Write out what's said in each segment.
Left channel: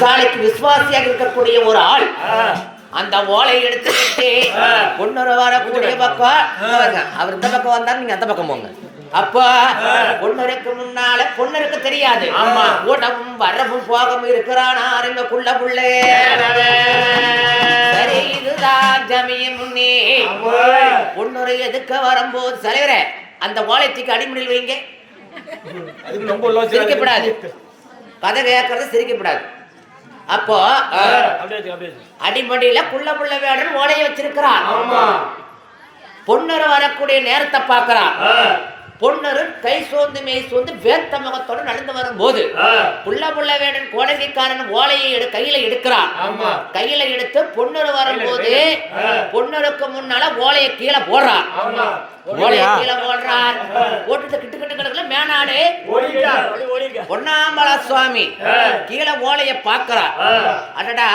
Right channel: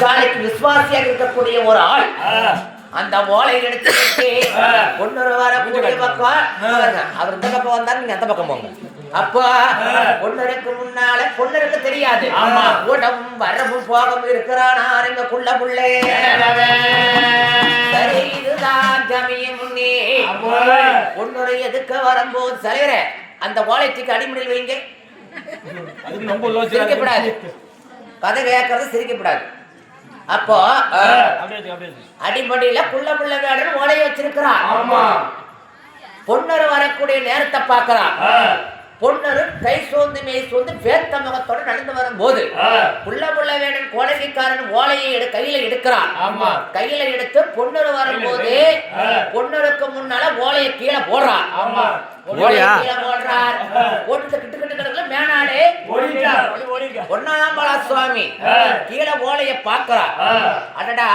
சாலைக்கு விசுவாசியாக இருக்கக்கூடிய ஒரு ஆள் அந்த ஓலை எடுத்துக்கிட்டு பொண்ணு வரக்கூடிய பக்கம் அவர் இந்த பக்கம் வந்தா நீங்க அந்த பக்கம் போங்க. அப்போ பொண்ணருக்கு முன்னால பொண்ணருக்கு தெரியாது கூட்டமும் வரவும் போகவும் இருக்கிறானா எங்கக்குள்ள புள்ளே. சரி இதுதான் ஜமியின் முன்னே பொண்ணுரை எதுக்க வரும்போது சரிகிற அந்த ஓலைத்துக்கு அடிமணியில் வைங்க. சிரிக்கப்படாது, கதை கேட்கறது சிரிக்கப்படாது. அப்போ அடிமடியில புள்ள புள்ள வேடன் ஓலைய வச்சிருக்கிறான். பொண்ணரு வரக்கூடிய நேரத்தை பார்க்கிறான். பொண்ணரு கை சோந்து மெய் சோந்து வேர்த்த முகத்தோடு நடந்து வரும்போது புள்ள புள்ள வேடன் கோடகைக்காரன் ஓலையை கையில எடுக்கிறான். கையில எடுத்து பொண்ணரு வரும்போது பொண்ணருக்கு முன்னால ஓலையை கீழே போடுறான். போட்டுட்டு கிட்டு கிட்டு கிடக்குல மேனாடு பொன்னாம்பலா சுவாமி கீழே ஓலைய பாக்குறார். அடடா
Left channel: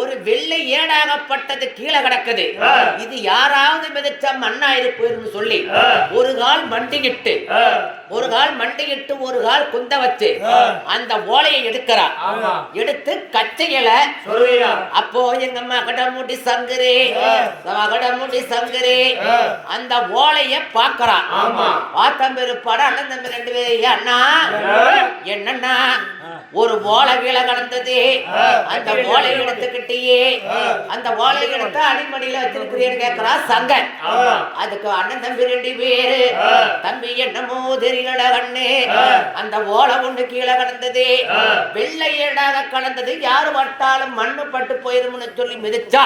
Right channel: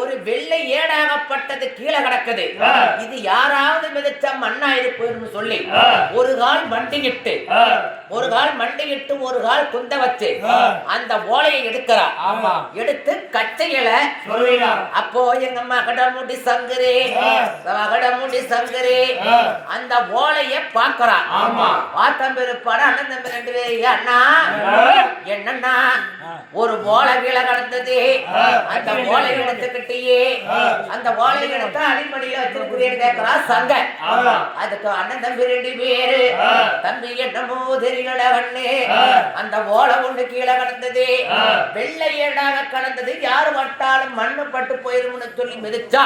ஒரு வெள்ளை ஏடாகப்பட்டது கீழே கிடக்குது. இது யாராவது மிதிச்ச மண்ணா இருப்புன்னு சொல்லி ஒரு கால் மண்டிக்கிட்டு ஒரு கால் குந்த வச்சு அந்த ஓலையை எடுக்கிறார். எடுத்து கச்சையில அப்போ எங்க மகடமுடி சங்கரே அந்த ஓலைய பாக்குறான். பாத்தம் பெருப்பாடு அண்ணன் தம்பி ரெண்டு பேர் அண்ணா என்னன்னா ஒரு ஓலை வீழ கடந்தது. அந்த ஓலை எடுத்துக்கிட்டே அந்த ஓலை எடுத்து அடிமடியில வச்சிருக்கிறேன்னு கேட்கிறா சங்க. அதுக்கு அண்ணன் தம்பி ரெண்டு பேரு தம்பி என்னமோ தெரியல கண்ணு அந்த ஓலை ஒண்ணு கீழே கடந்தது வெள்ளை ஏடாக கடந்தது யாரு வட்டாலும் மண்ணு பட்டு போயிரும்னு சொல்லி மிதிச்சா